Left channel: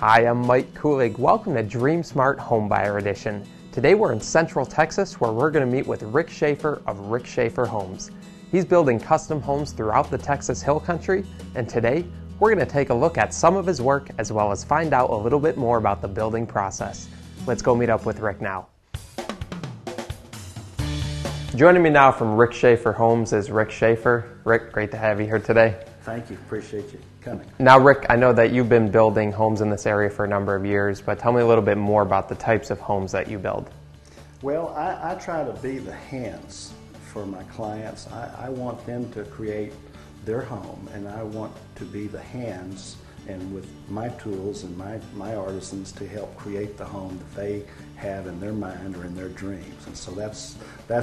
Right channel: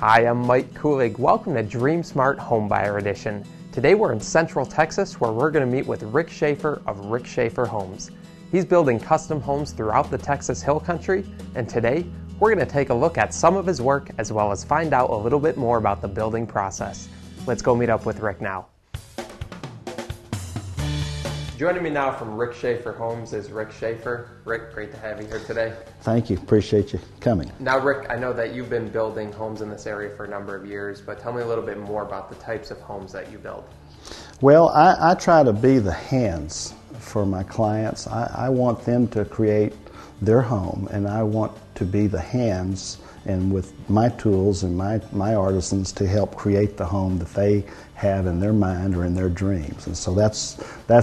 Hi, I'm Mike Kulig. Welcome to Dream Smart Homebuyer Edition. Today we're in Central Texas where we're going to meet with Rick Schafer of Rick Schafer Homes. He's building custom homes throughout the Texas Hill Country, and today we're going to take a look at some of his work as well as find out a little bit more about the building process. Let's go meet up with Rick now. Joining me now from Rick Schafer Homes is Rick Schafer. Rick, great to have you here today. Thank you. Appreciate you coming. Now, Rick, I know that you've been building homes in this area for a number of years, but tell me a little bit more about the types of homes that you build. Well, I try to be the hands for my clients. I want them to create their home, and I want to be the hands and with my tools and my artisans to help create the home that they have in their mind or in their dreams. And so that's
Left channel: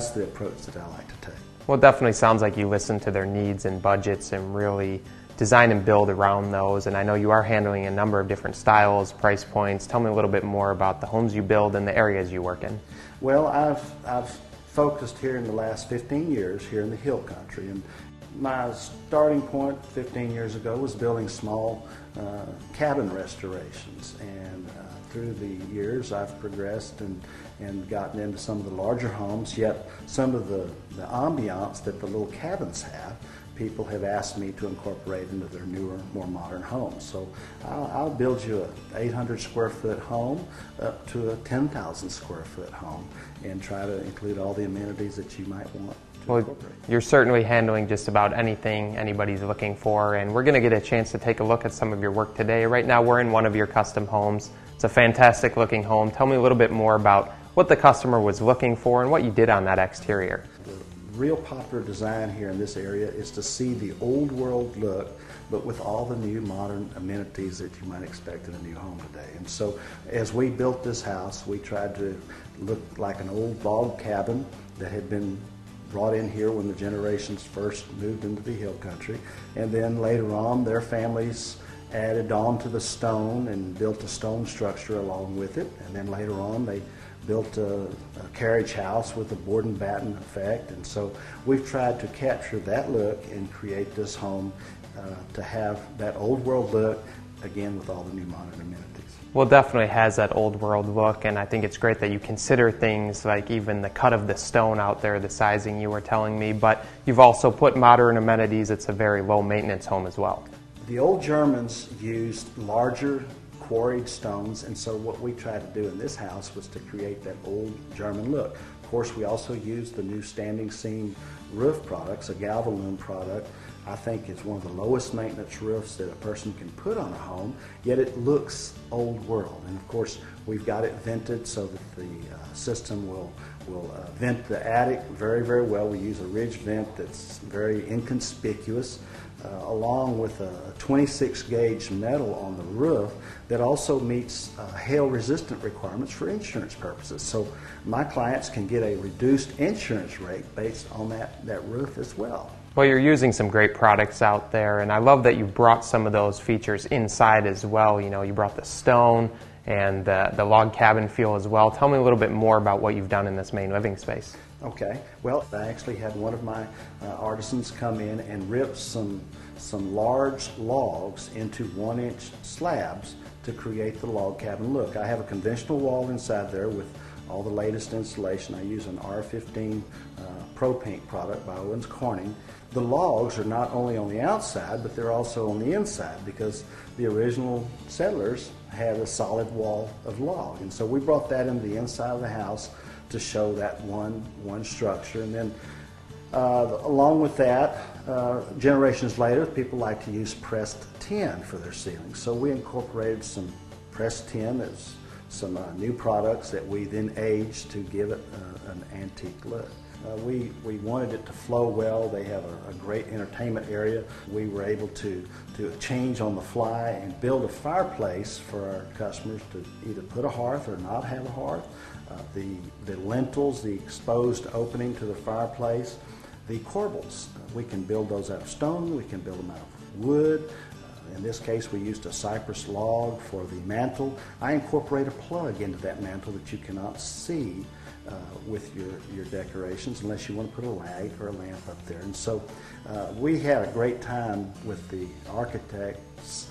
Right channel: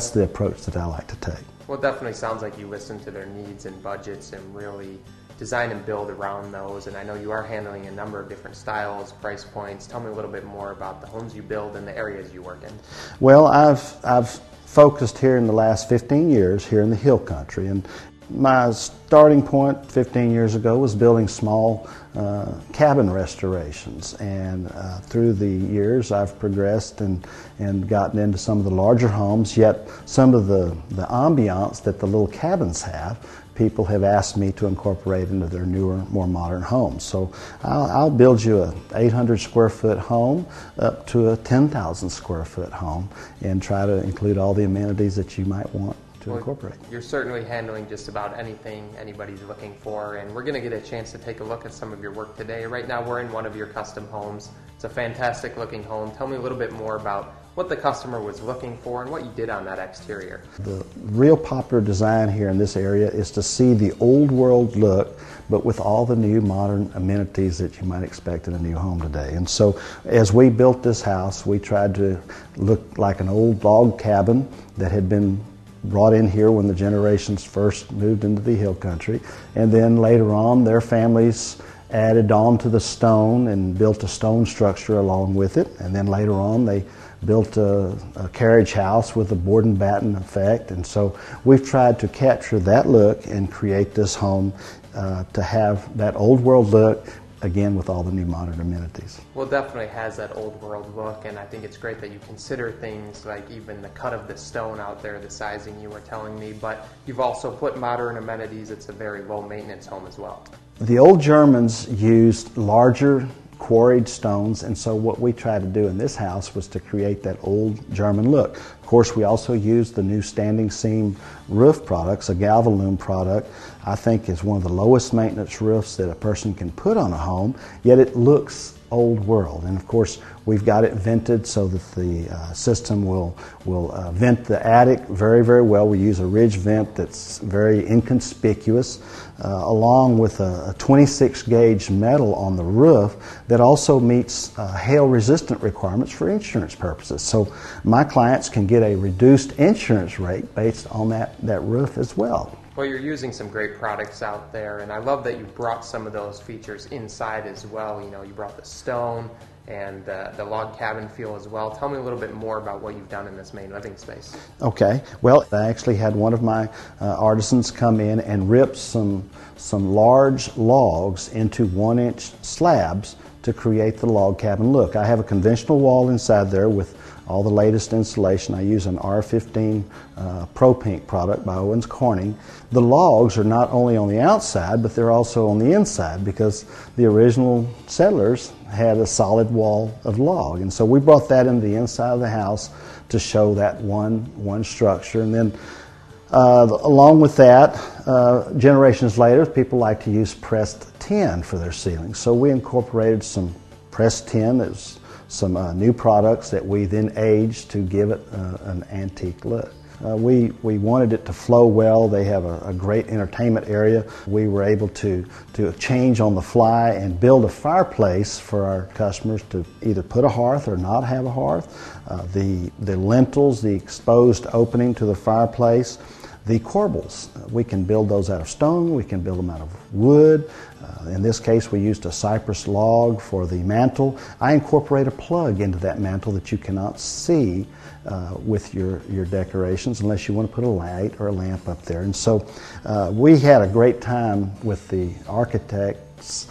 the approach that I like to take. Well, it definitely sounds like you listen to their needs and budgets and really design and build around those. And I know you are handling a number of different styles, price points. Tell me a little bit more about the homes you build and the areas you work in. Well, I've focused here in the last 15 years here in the Hill Country. And my starting point 15 years ago was building small cabin restorations, and through the years I've progressed and gotten into some of the larger homes, yet some of the ambiance that the little cabins have, people have asked me to incorporate into their newer, more modern homes. So I'll build you a 800 square foot home up to a 10,000 square foot home and try to include all the amenities that you might want. Well, you're certainly handling just about anything anybody's looking for, and we're going to get a chance to take a look at some of your work today. Right now we're in one of your custom homes. It's a fantastic looking home. Tell me a little bit more about what the customer was looking for and what you did on that exterior. The real popular design here in this area is to see the old world look, but with all the new modern amenities that you might expect in a new home today. And so as we built this house, we tried to look like an old log cabin that had been brought in here when the generations first moved into the Hill Country, and then later on their families added on to the stone and built a stone structure along with it, and then later on they built a carriage house with a board and batten effect. And so we've tried to capture that look and create this home to have that old world look, again with all the new modern amenities. Well, it definitely has that old world look, and I think it's great that you consider things like even the cut of the stone out there, the sizing you were telling me, but you've also put modern amenities. It's a very low maintenance home as well. The old Germans used larger quarried stones, and so what we tried to do in this house was to create that old German look. Of course, we also used the new standing seam roof products, a Galvalume product. I think is one of the lowest maintenance roofs that a person can put on a home, yet it looks old world. And of course, we've got it vented so that the system will vent the attic very, very well. We use a ridge vent that's very inconspicuous, along with a 26 gauge metal on the roof that also meets hail resistant requirements for insurance purposes. So my clients can get a reduced insurance rate based on that roof as well. Well, you're using some great products out there, and I love that you brought some of those features inside as well. You know, you brought the stone and the log cabin feel as well. Tell me a little bit more about what you've done in this main living space. Okay. Well, I actually had one of my artisans come in and rip some large logs into 1-inch slabs to create the log cabin look. I have a conventional wall inside there with all the latest insulation. I use an R15 Pro Pink product by Owens Corning. The logs are not only on the outside, but they're also on the inside because the original settlers had a solid wall of log. And so we brought that into the inside of the house to show that one structure. And then along with that, generations later, people like to use pressed tin for their ceilings. So we incorporated some pressed tin. There's some new products that we then aged to give it an antique look. We wanted it to flow well. They have a great entertainment area. We were able to change on the fly and build a fireplace for our customers to either put a hearth or not have a hearth. The lintels, the exposed opening to the fireplace, the corbels, we can build those out of stone, we can build them out of wood. In this case, we used a cypress log for the mantle. I incorporate a plug into that mantle that you cannot see with your decorations unless you want to put a light or a lamp up there. And so we had a great time with the architects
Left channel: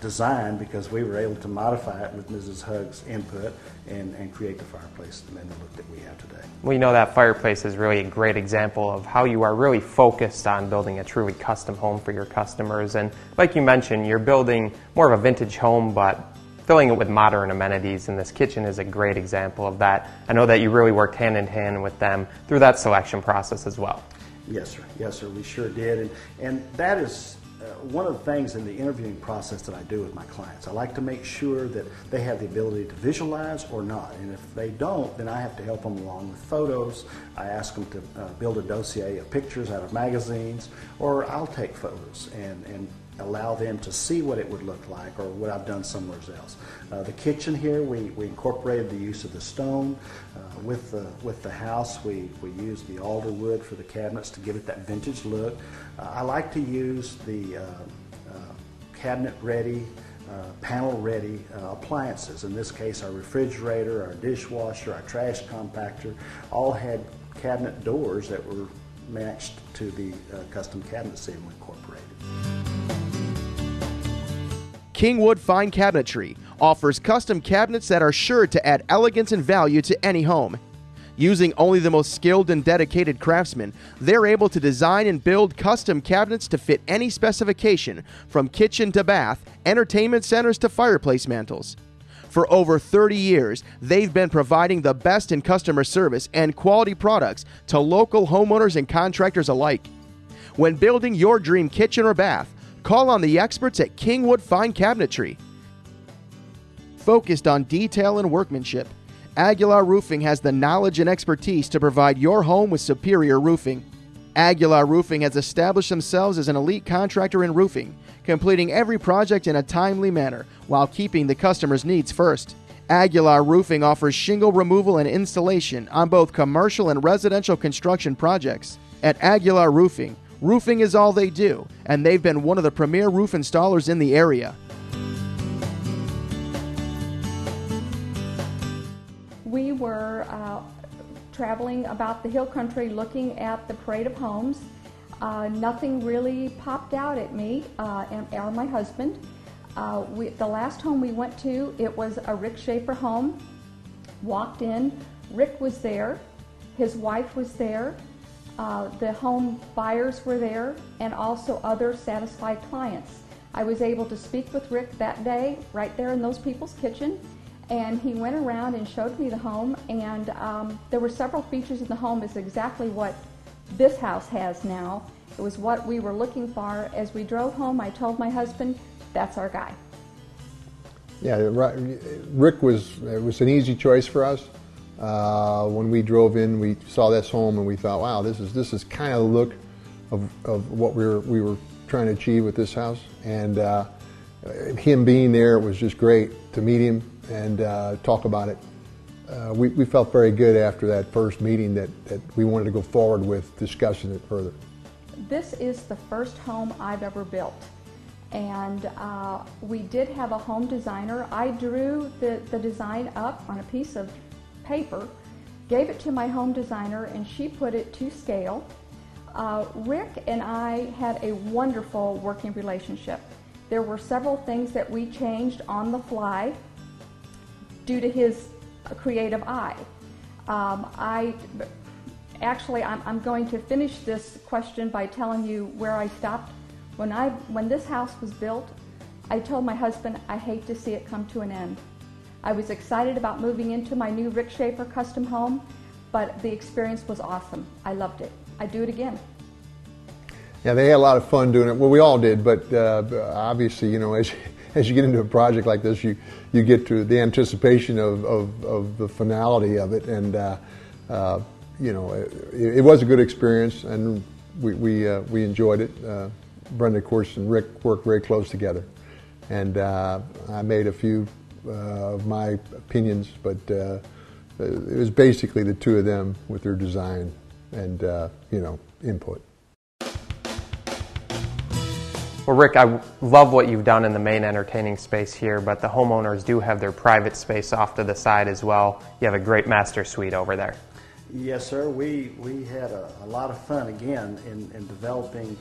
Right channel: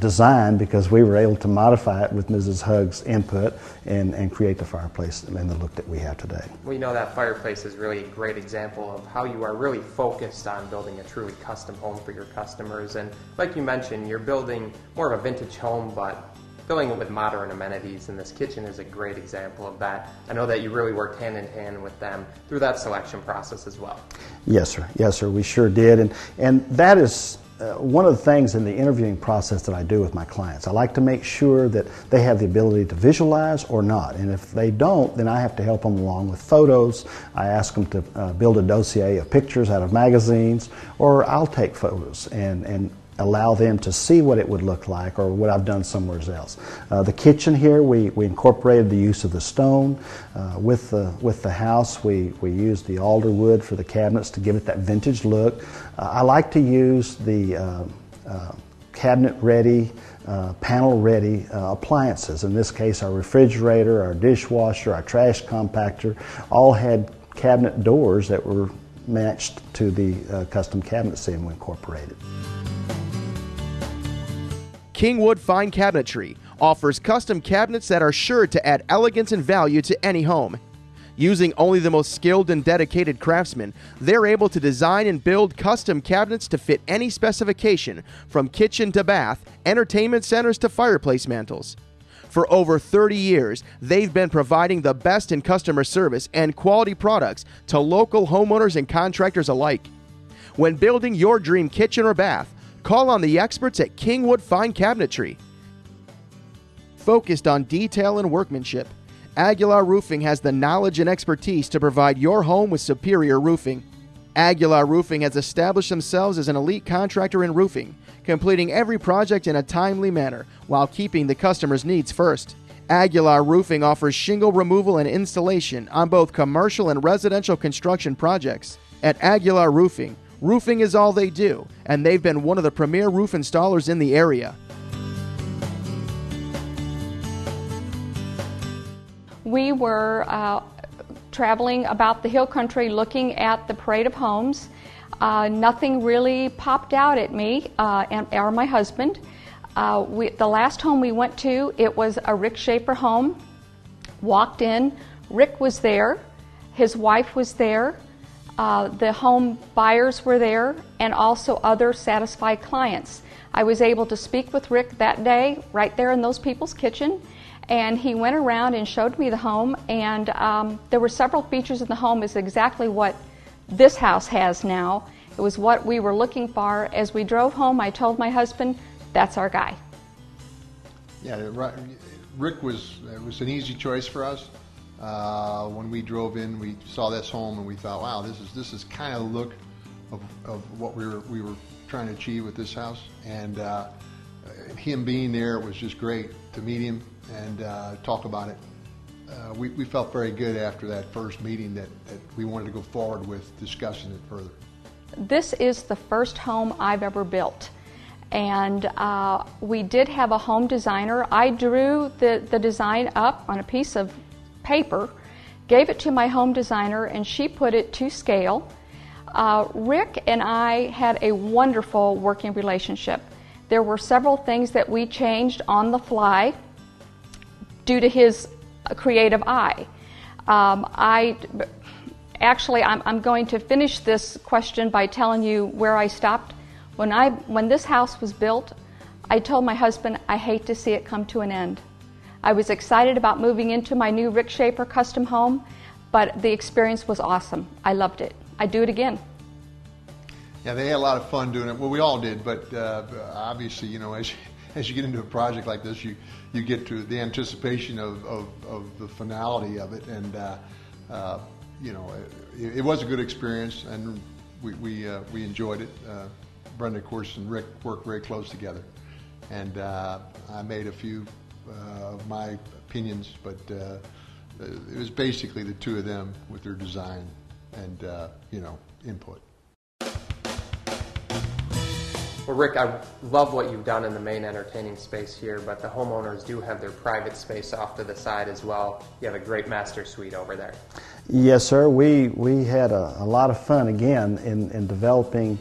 design because we were able to modify it with Mrs. Hugg's input and create the fireplace and the look that we have today. We know that fireplace is really a great example of how you are really focused on building a truly custom home for your customers. And like you mentioned, you're building more of a vintage home, but filling it with modern amenities, and this kitchen is a great example of that. I know that you really worked hand in hand with them through that selection process as well. Yes, sir. Yes, sir. We sure did. And that is one of the things in the interviewing process that I do with my clients. I like to make sure that they have the ability to visualize or not. And if they don't, then I have to help them along with photos. I ask them to build a dossier of pictures out of magazines, or I'll take photos and allow them to see what it would look like or what I've done somewhere else. The kitchen here, we incorporated the use of the stone. With the house, we used the alder wood for the cabinets to give it that vintage look. I like to use the cabinet-ready, panel-ready appliances. In this case, our refrigerator, our dishwasher, our trash compactor, all had cabinet doors that were matched to the custom cabinet sim we incorporated. Kingwood Fine Cabinetry offers custom cabinets that are sure to add elegance and value to any home. Using only the most skilled and dedicated craftsmen, they're able to design and build custom cabinets to fit any specification, from kitchen to bath, entertainment centers to fireplace mantles. For over 30 years, they've been providing the best in customer service and quality products to local homeowners and contractors alike. When building your dream kitchen or bath, call on the experts at Kingwood Fine Cabinetry. Focused on detail and workmanship, Aguilar Roofing has the knowledge and expertise to provide your home with superior roofing. Aguilar Roofing has established themselves as an elite contractor in roofing, completing every project in a timely manner while keeping the customer's needs first. Aguilar Roofing offers shingle removal and installation on both commercial and residential construction projects. At Aguilar Roofing, roofing is all they do, and they've been one of the premier roof installers in the area. We were traveling about the hill country looking at the parade of homes. Nothing really popped out at me or my husband. The last home we went to, it was a Rick Schafer home. Walked in, Rick was there, his wife was there, the home buyers were there, and also other satisfied clients. I was able to speak with Rick that day right there in those people's kitchen, and he went around and showed me the home, and there were several features in the home. Is exactly what this house has now. It was what we were looking for. As we drove home, I told my husband, that's our guy. Yeah, Rick was an easy choice for us. When we drove in, we saw this home and we thought, wow, this is kind of the look of what we were trying to achieve with this house. And him being there, it was just great to meet him and talk about it. We felt very good after that first meeting that we wanted to go forward with discussing it further. This is the first home I've ever built. And we did have a home designer. I drew the design up on a piece of paper, gave it to my home designer, and she put it to scale. Rick and I had a wonderful working relationship. There were several things that we changed on the fly due to his creative eye. I'm going to finish this question by telling you where I stopped. When this house was built, I told my husband I hate to see it come to an end. I was excited about moving into my new Rick Schafer custom home, but the experience was awesome. I loved it. I'd do it again. Yeah, they had a lot of fun doing it. Well, we all did, but obviously, you know, as you get into a project like this, you get to the anticipation of the finality of it, and you know, it was a good experience, and we enjoyed it. Brenda, of course, and Rick worked very close together, and I made a few of my opinions, but it was basically the two of them with their design and you know, input. Well, Rick, I love what you've done in the main entertaining space here, but the homeowners do have their private space off to the side as well. You have a great master suite over there. Yes, sir. We had a lot of fun, again, in developing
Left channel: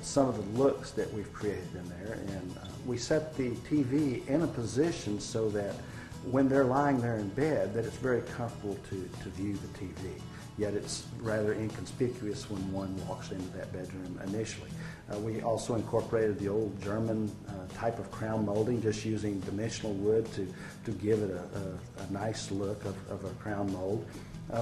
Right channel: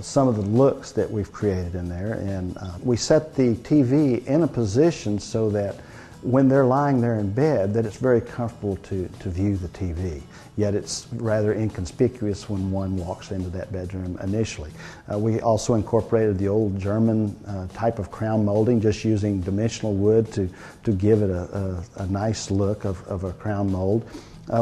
some of the looks that we've created in there. And we set the TV in a position so that when they're lying there in bed, that it's very comfortable to view the TV. Yet it's rather inconspicuous when one walks into that bedroom initially. We also incorporated the old German type of crown molding, just using dimensional wood to give it a nice look of a crown mold.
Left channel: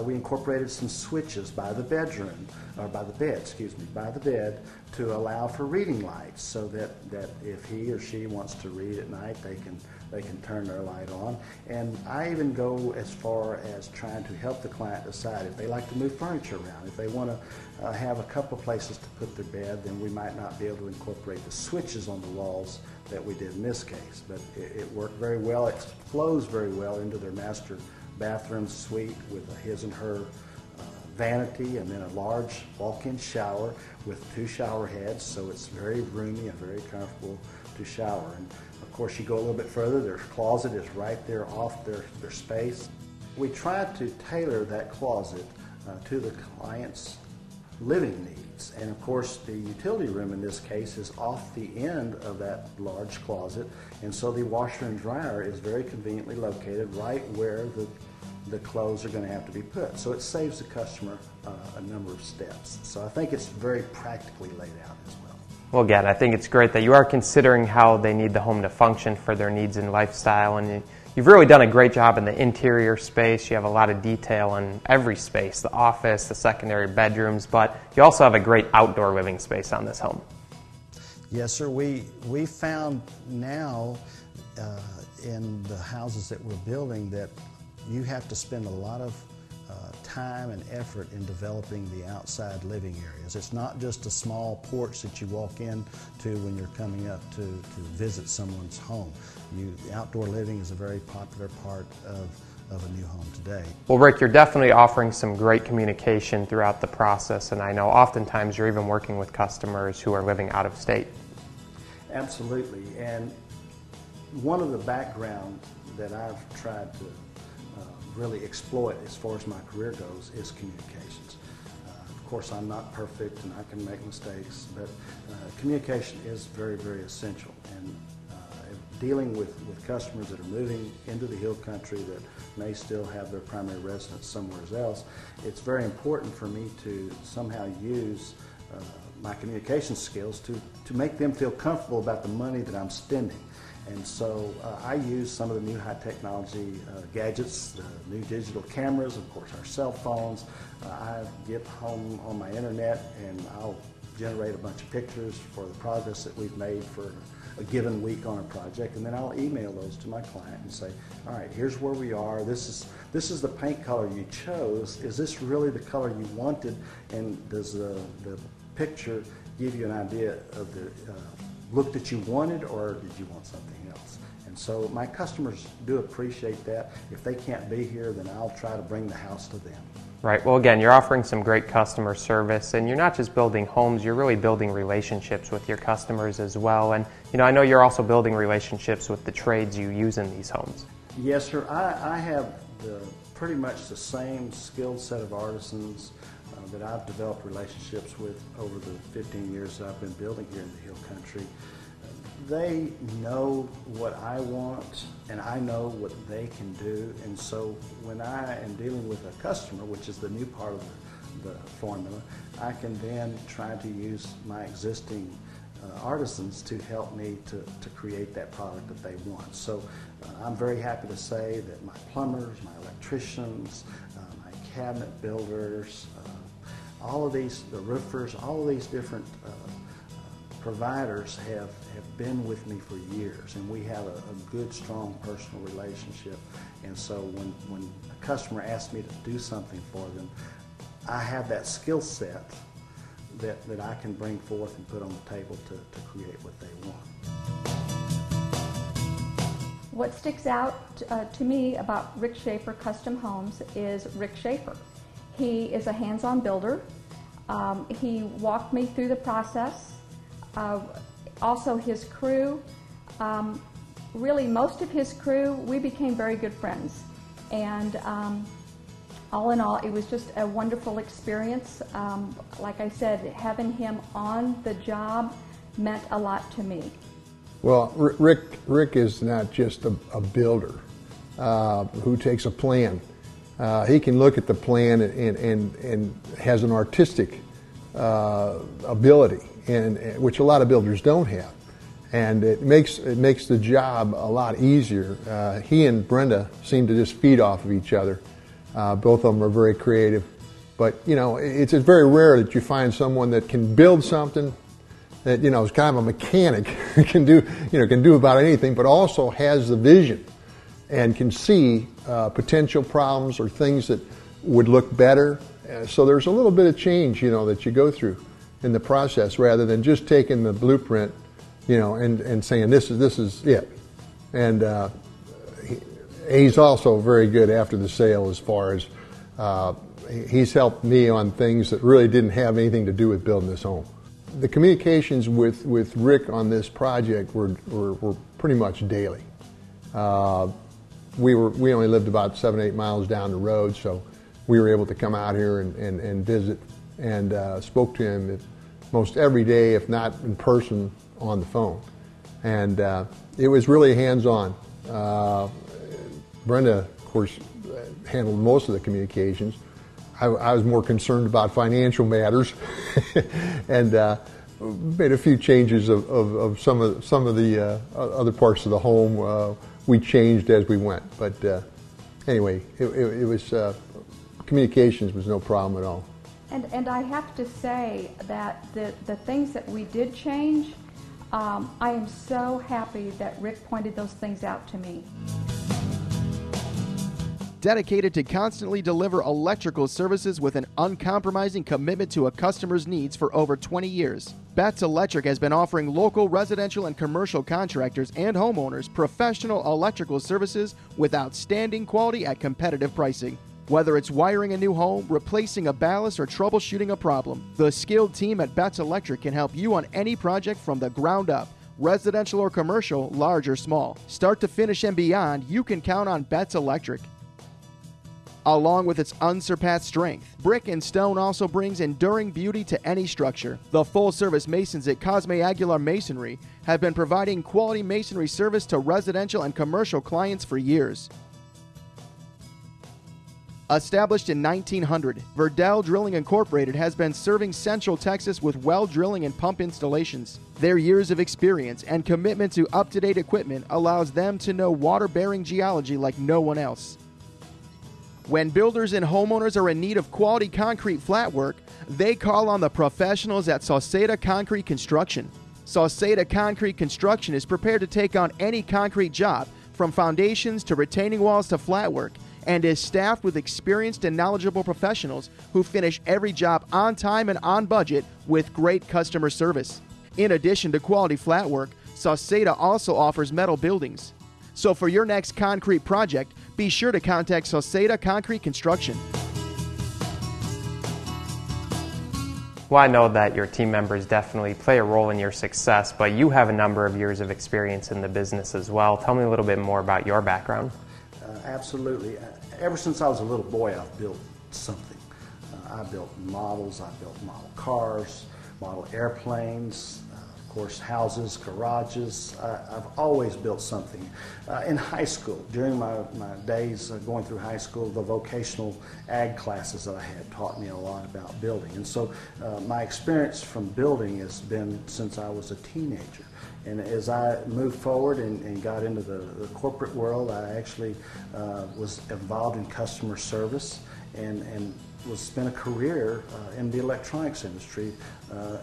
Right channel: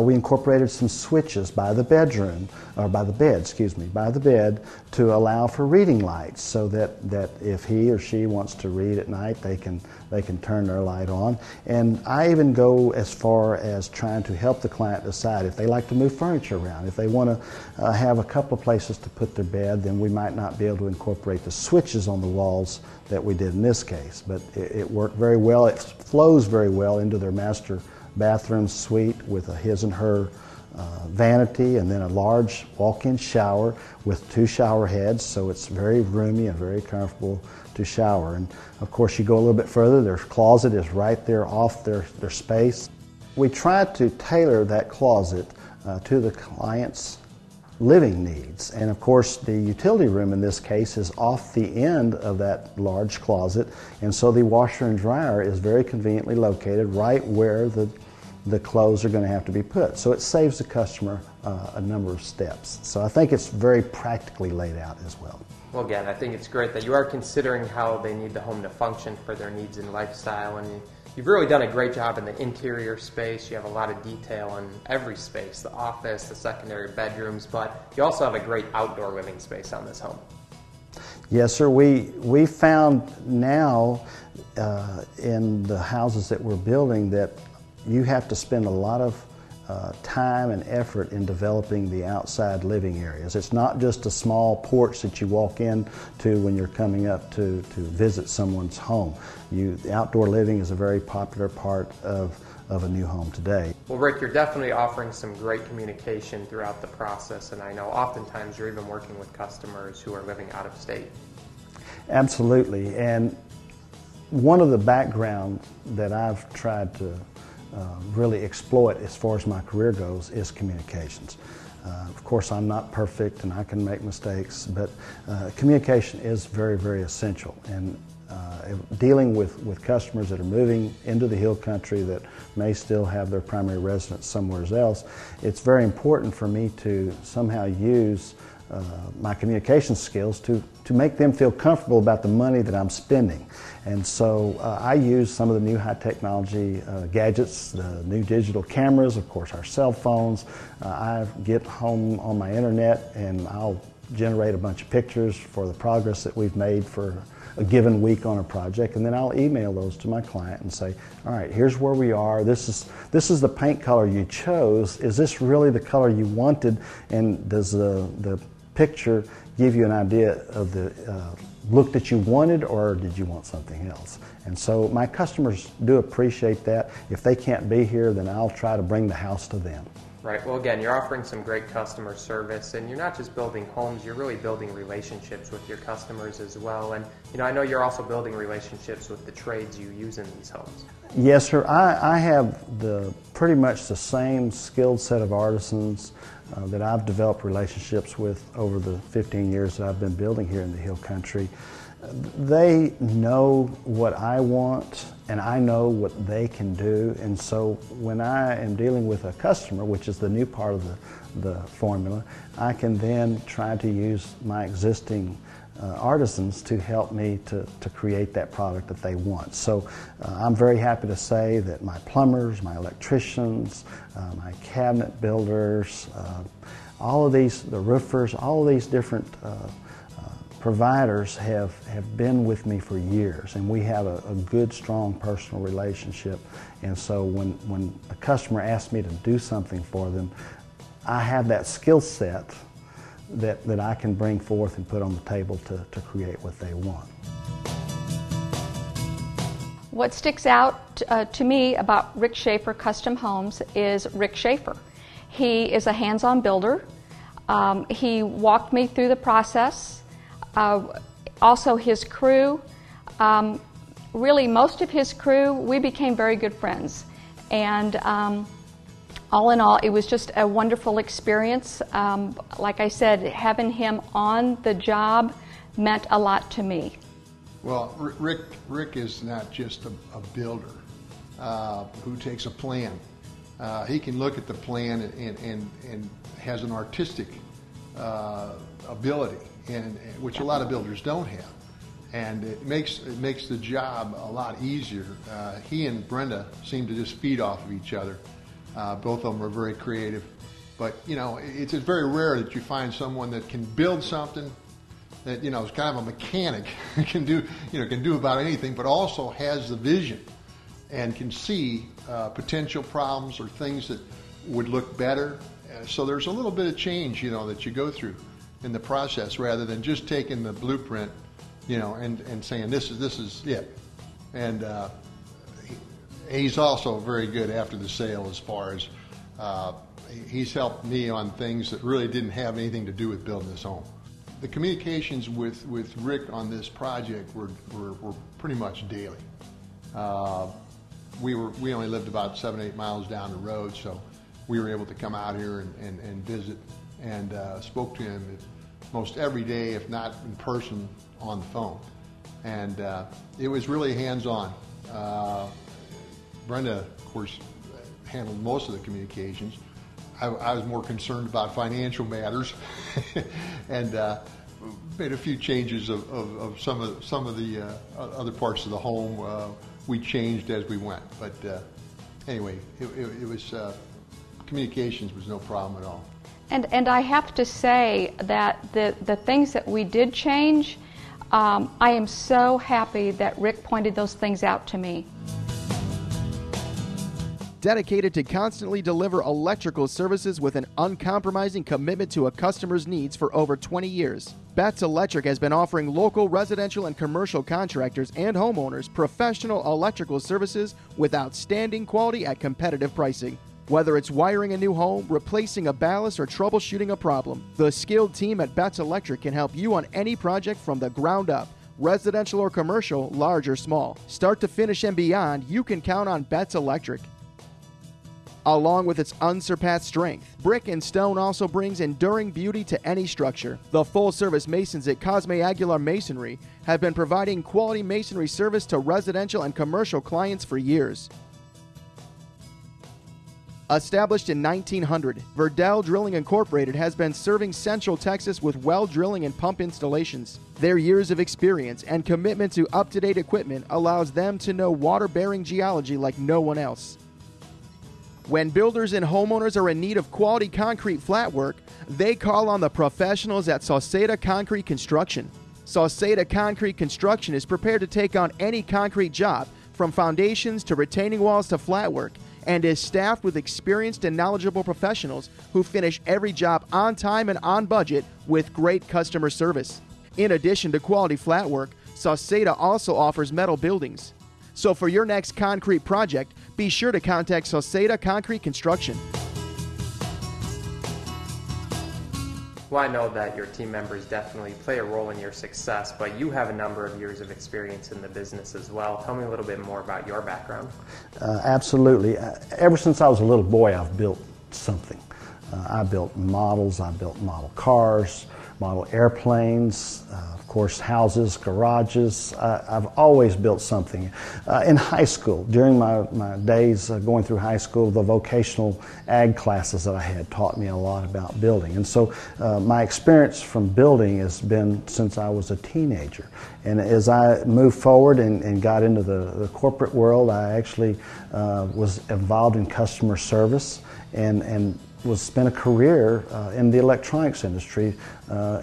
We incorporated some switches by the bedroom, or by the bed, excuse me, by the bed, to allow for reading lights, so that if he or she wants to read at night, they can turn their light on. And I even go as far as trying to help the client decide if they like to move furniture around. If they want to have a couple of places to put their bed, then we might not be able to incorporate the switches on the walls that we did in this case. But it worked very well. It flows very well into their master bathroom suite with a his and her vanity, and then a large walk-in shower with 2 shower heads, so it's very roomy and very comfortable to shower. And of course, you go a little bit further, their closet is right there off their space. We try to tailor that closet to the client's living needs. And of course, the utility room in this case is off the end of that large closet, and so the washer and dryer is very conveniently located right where the clothes are going to have to be put. So it saves the customer a number of steps. So I think it's very practically laid out as well. Well, again, I think it's great that you are considering how they need the home to function for their needs and lifestyle, and you've really done a great job in the interior space. You have a lot of detail in every space, the office, the secondary bedrooms, but you also have a great outdoor living space on this home. Yes, sir. We found now in the houses that we're building that you have to spend a lot of time and effort in developing the outside living areas. It's not just a small porch that you walk into when you're coming up to visit someone's home. The outdoor living is a very popular part of a new home today. Well, Rick, you're definitely offering some great communication throughout the process, and I know oftentimes you're even working with customers who are living out of state. Absolutely, and one of the background that I've tried to really exploit as far as my career goes is communications. Of course, I'm not perfect and I can make mistakes, but communication is very, very essential. And dealing with customers that are moving into the hill country that may still have their primary residence somewhere else, it's very important for me to somehow use my communication skills to make them feel comfortable about the money that I'm spending. And so I use some of the new high technology gadgets, new digital cameras, of course our cell phones. I get home on my internet and I'll generate a bunch of pictures for the progress that we've made for a given week on a project, and then I'll email those to my client and say, all right, here's where we are, this is the paint color you chose, is this really the color you wanted, and does the picture give you an idea of the look that you wanted, or did you want something else? And so my customers do appreciate that. If they can't be here, then I'll try to bring the house to them. Right. Well, again, you're offering some great customer service, and you're not just building homes, you're really building relationships with your customers as well. And, I know you're also building relationships with the trades you use in these homes. Yes, sir. I have pretty much the same skilled set of artisans that I've developed relationships with over the 15 years that I've been building here in the Hill Country. They know what I want, and I know what they can do, and so when I am dealing with a customer, which is the new part of the formula, I can then try to use my existing artisans to help me to create that product that they want. So I'm very happy to say that my plumbers, my electricians, my cabinet builders, all of these, the roofers, all of these different providers have been with me for years, and we have a good, strong personal relationship. And so when a customer asks me to do something for them, I have that skill set that I can bring forth and put on the table to create what they want. What sticks out to me about Rick Schafer Custom Homes is Rick Schafer. He is a hands-on builder. He walked me through the process. Also his crew, really most of his crew, we became very good friends. And all in all, it was just a wonderful experience. Like I said, having him on the job meant a lot to me. Well, Rick is not just a builder who takes a plan. He can look at the plan and has an artistic ability, which a lot of builders don't have. And it makes the job a lot easier. He and Brenda seem to just feed off of each other. Both of them are very creative. But, you know, it's very rare that you find someone that can build something that, you know, is kind of a mechanic, can do about anything, but also has the vision and can see potential problems or things that would look better. So there's a little bit of change, you know, that you go through in the process rather than just taking the blueprint, you know, and saying this is it. And he's also very good after the sale as far as he's helped me on things that really didn't have anything to do with building this home. The communications with Rick on this project were pretty much daily. We only lived about 7-8 miles down the road, so we were able to come out here and visit, and spoke to him most every day, if not in person, on the phone. And it was really hands-on. Brenda, of course, handled most of the communications. I was more concerned about financial matters, and made a few changes of some of the other parts of the home. We changed as we went, but anyway, it was communications was no problem at all. And I have to say that the things that we did change, I am so happy that Rick pointed those things out to me. Dedicated to constantly deliver electrical services with an uncompromising commitment to a customer's needs for over 20 years, Betts Electric has been offering local residential and commercial contractors and homeowners professional electrical services with outstanding quality at competitive pricing. Whether it's wiring a new home, replacing a ballast, or troubleshooting a problem, the skilled team at Betts Electric can help you on any project from the ground up. Residential or commercial, large or small. Start to finish and beyond, you can count on Betts Electric. Along with its unsurpassed strength, brick and stone also brings enduring beauty to any structure. The full-service masons at Cosme Aguilar Masonry have been providing quality masonry service to residential and commercial clients for years. Established in 1900, Verdell Drilling Incorporated has been serving Central Texas with well drilling and pump installations. Their years of experience and commitment to up-to-date equipment allows them to know water-bearing geology like no one else. When builders and homeowners are in need of quality concrete flat work, they call on the professionals at Sauceda Concrete Construction. Sauceda Concrete Construction is prepared to take on any concrete job, from foundations to retaining walls to flat work, and is staffed with experienced and knowledgeable professionals who finish every job on time and on budget with great customer service. In addition to quality flat work, Sauceda also offers metal buildings. So for your next concrete project, be sure to contact Sauceda Concrete Construction. Well, I know that your team members definitely play a role in your success, but you have a number of years of experience in the business as well. Tell me a little bit more about your background. Absolutely. Ever since I was a little boy, I've built something. I built models, I built model cars, model airplanes, of course houses, garages. I've always built something. In high school, during my days going through high school, the vocational ag classes that I had taught me a lot about building. And so my experience from building has been since I was a teenager. And as I moved forward and got into the corporate world, I actually was involved in customer service and spent a career in the electronics industry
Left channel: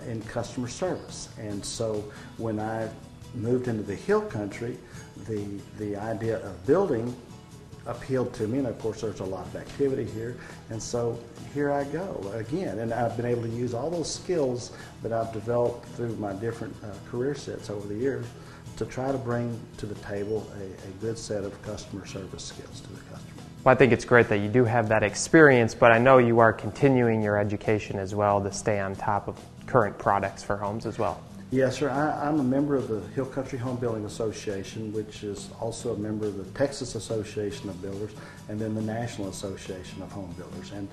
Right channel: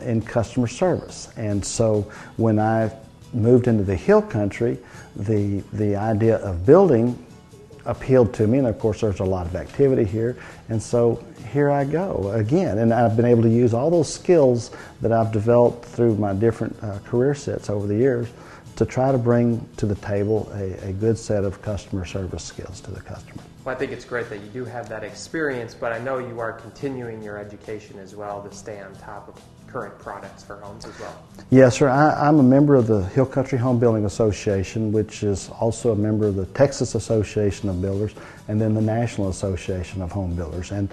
in customer service. And so when I moved into the hill country, the idea of building appealed to me, and of course there's a lot of activity here, and so here I go again. And I've been able to use all those skills that I've developed through my different career sets over the years to try to bring to the table a good set of customer service skills to the customer. Well, I think it's great that you do have that experience, but I know you are continuing your education as well to stay on top of current products for homes as well. Yes, sir. I'm a member of the Hill Country Home Building Association, which is also a member of the Texas Association of Builders and then the National Association of Home Builders. And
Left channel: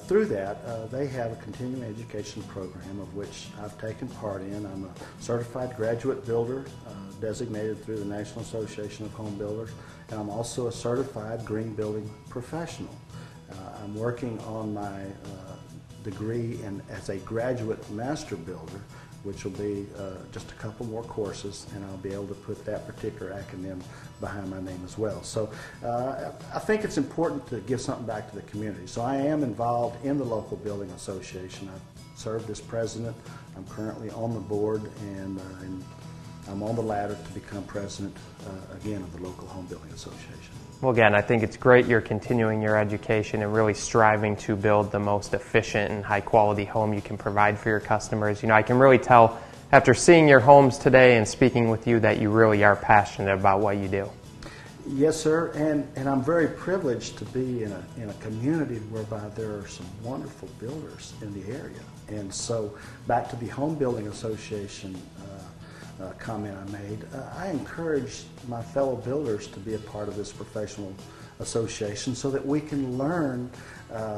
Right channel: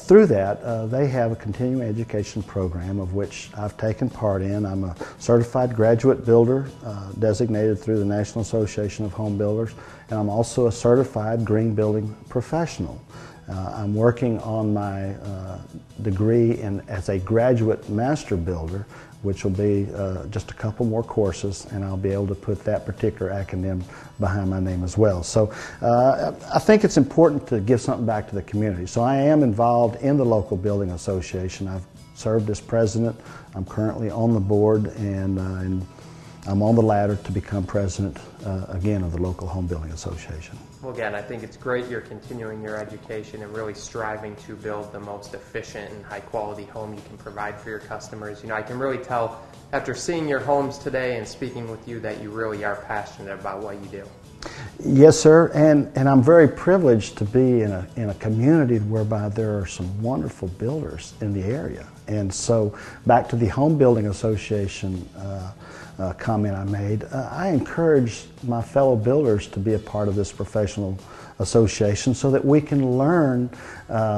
through that, they have a continuing education program of which I've taken part in. I'm a certified graduate builder designated through the National Association of Home Builders, and I'm also a certified green building professional. I'm working on my degree as a graduate master builder, which will be just a couple more courses, and I'll be able to put that particular acronym behind my name as well. So I think it's important to give something back to the community. So I am involved in the local building association. I've served as president. I'm currently on the board, and I'm on the ladder to become president again of the local home building association. Well, again, I think it's great you're continuing your education and really striving to build the most efficient and high-quality home you can provide for your customers. You know, I can really tell after seeing your homes today and speaking with you that you really are passionate about what you do. Yes, sir, and I'm very privileged to be in a community whereby there are some wonderful builders in the area. And so, back to the Home Building Association comment I made, I encourage my fellow builders to be a part of this professional association so that we can learn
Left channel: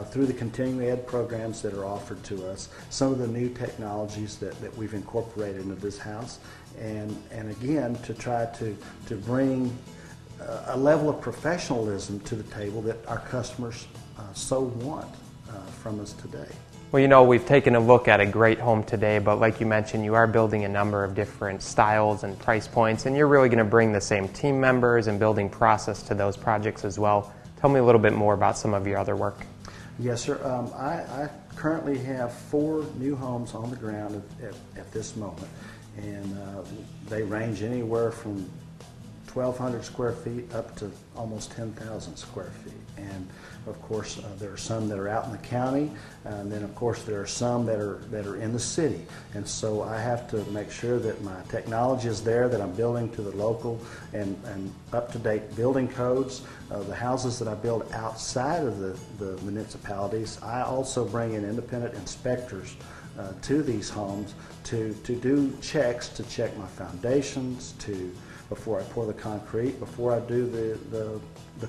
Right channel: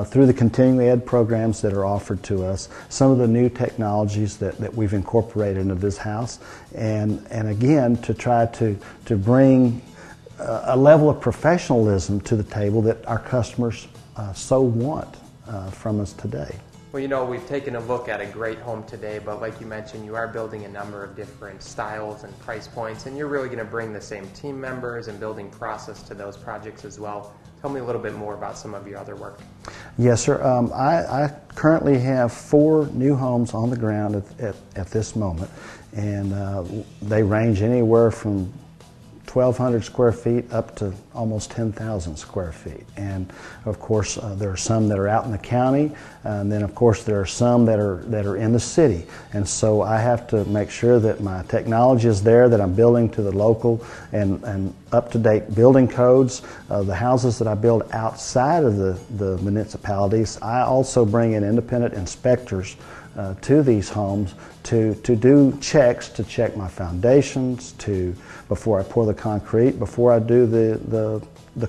through the continuing ed programs that are offered to us some of the new technologies that we've incorporated into this house, and again to try to bring a level of professionalism to the table that our customers so want from us today. Well, you know, we've taken a look at a great home today, but like you mentioned, you are building a number of different styles and price points, and you're really going to bring the same team members and building process to those projects as well. Tell me a little bit more about some of your other work. Yes, sir. I currently have 4 new homes on the ground at this moment, and they range anywhere from 1,200 square feet up to almost 10,000 square feet. And of course, there are some that are out in the county, and then of course there are some that are in the city. And so I have to make sure that my technology is there, that I'm building to the local and up-to-date building codes. The houses that I build outside of the municipalities, I also bring in independent inspectors to these homes to do checks, to check my foundations, before I pour the concrete, before I do the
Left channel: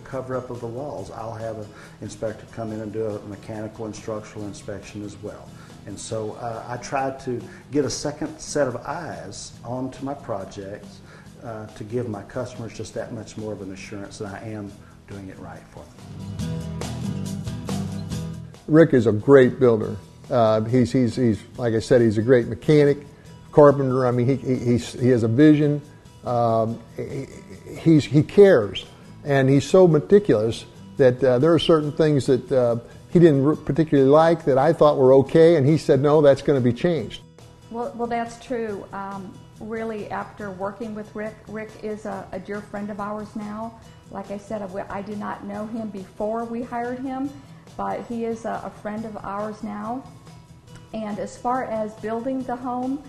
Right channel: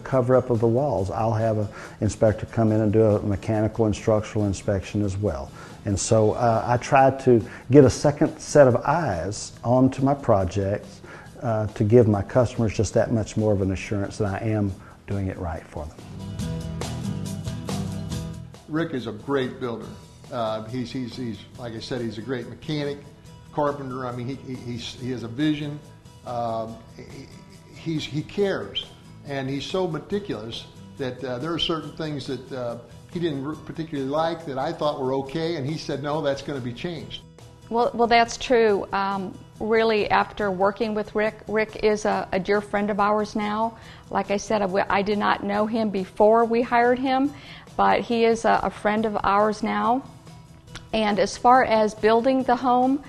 cover-up of the walls. I'll have an inspector come in and do a mechanical and structural inspection as well. And so I try to get a second set of eyes onto my projects to give my customers just that much more of an assurance that I am doing it right for them. Rick is a great builder. He's like I said, he's a great mechanic, carpenter. I mean, he has a vision. He cares, and he's so meticulous that there are certain things that he didn't particularly like that I thought were okay, and he said, no, that's going to be changed. Well, that's true. Really, after working with Rick is a dear friend of ours now. Like I said, I did not know him before we hired him, but he is a friend of ours now. And as far as building the home,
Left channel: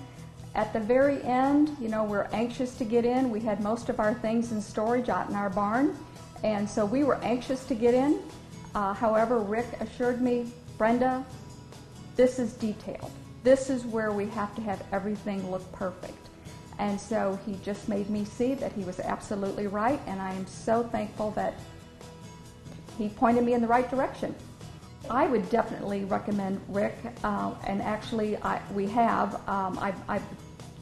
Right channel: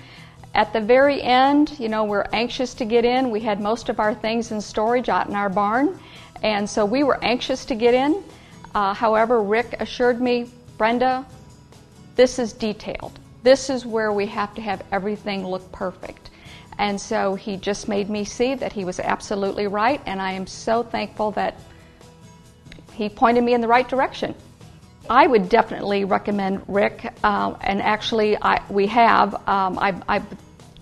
at the very end, you know, we're anxious to get in. We had most of our things in storage out in our barn, and so we were anxious to get in. However, Rick assured me, Brenda, this is detailed. This is where we have to have everything look perfect. And so he just made me see that he was absolutely right, and I am so thankful that he pointed me in the right direction. I would definitely recommend Rick, and actually I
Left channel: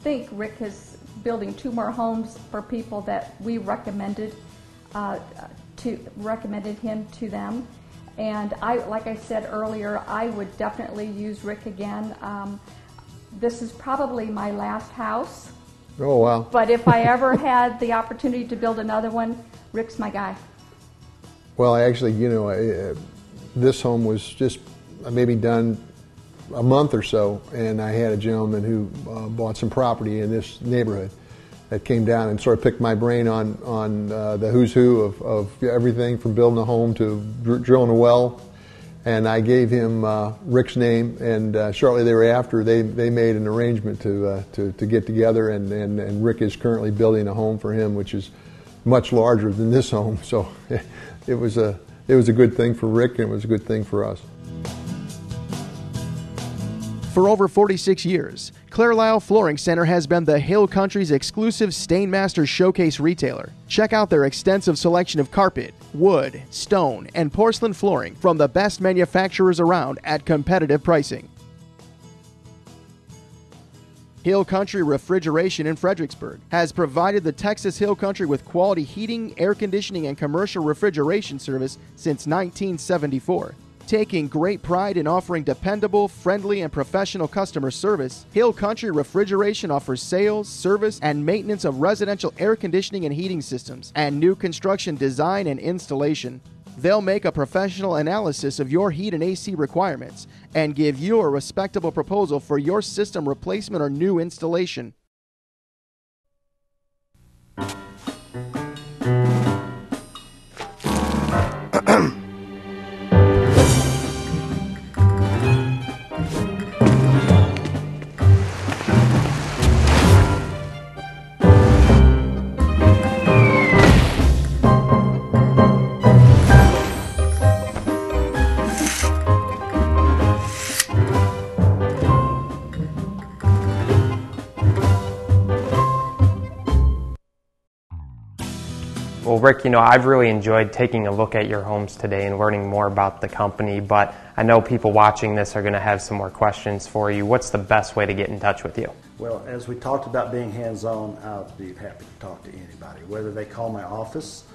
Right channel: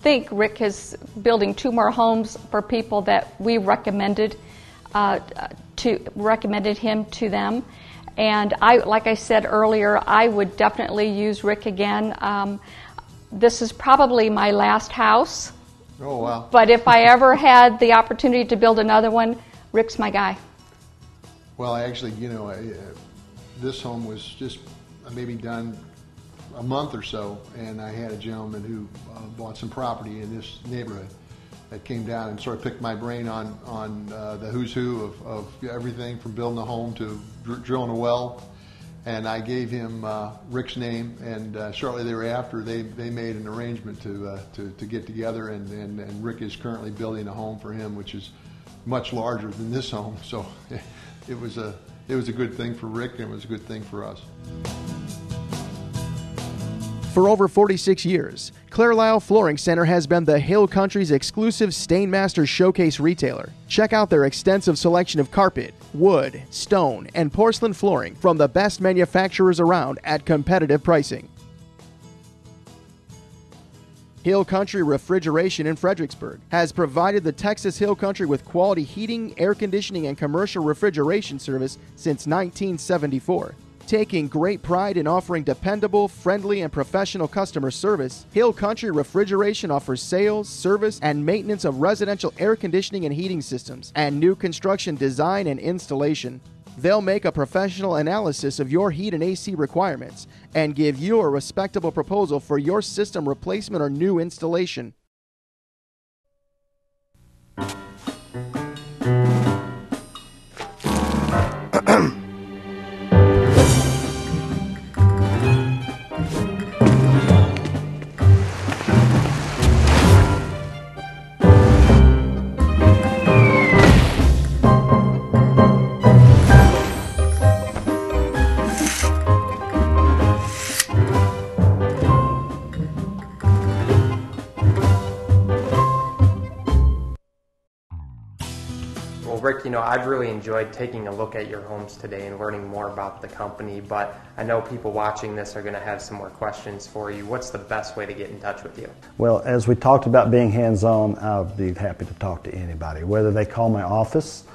think Rick is building 2 more homes for people that we recommended him to them. And like I said earlier, I would definitely use Rick again. This is probably my last house. Oh, wow. But if I ever had the opportunity to build another one, Rick's my guy. Well, actually, you know, this home was just maybe done a month or so, and I had a gentleman who bought some property in this neighborhood that came down and sort of picked my brain on the who's who of everything from building a home to drilling a well. And I gave him Rick's name, and shortly thereafter they made an arrangement to get together, and Rick is currently building a home for him, which is much larger than this home. So it was a good thing for Rick, and it was a good thing for us. For over 46 years, Carlisle Flooring Center has been the Hill Country's exclusive Stainmaster showcase retailer. Check out their extensive selection of carpet, wood, stone, and porcelain flooring from the best manufacturers around at competitive pricing. Hill Country Refrigeration in Fredericksburg has provided the Texas Hill Country with quality heating, air conditioning, and commercial refrigeration service since 1974. Taking great pride in offering dependable, friendly, and professional customer service, Hill Country Refrigeration offers sales, service, and maintenance of residential air conditioning and heating systems, and new construction design and installation. They'll make a professional analysis of your heat and AC requirements and give you a respectable proposal for your system replacement or new installation. Well, Rick, I've really enjoyed taking a look at your homes today and learning more about the company, but I know people watching this are going to have some more questions for you. What's the best way to get in touch with you? Well, as we talked about being hands-on, I'll be happy to talk to anybody, whether they call my office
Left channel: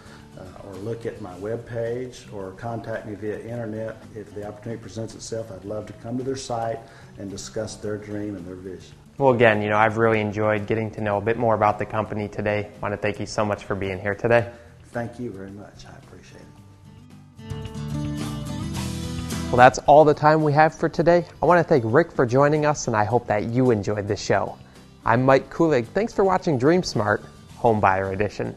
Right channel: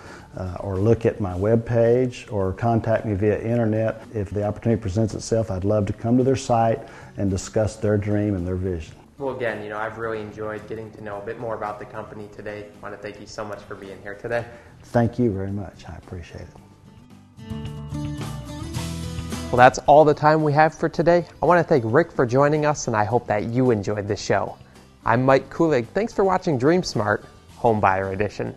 or look at my web page or contact me via internet. If the opportunity presents itself, I'd love to come to their site and discuss their dream and their vision. Well, again, I've really enjoyed getting to know a bit more about the company today. I want to thank you so much for being here today. Thank you very much. I appreciate it. Well, that's all the time we have for today. I want to thank Rick for joining us, and I hope that you enjoyed the show. I'm Mike Kulig. Thanks for watching Dream Smart Home Buyer Edition.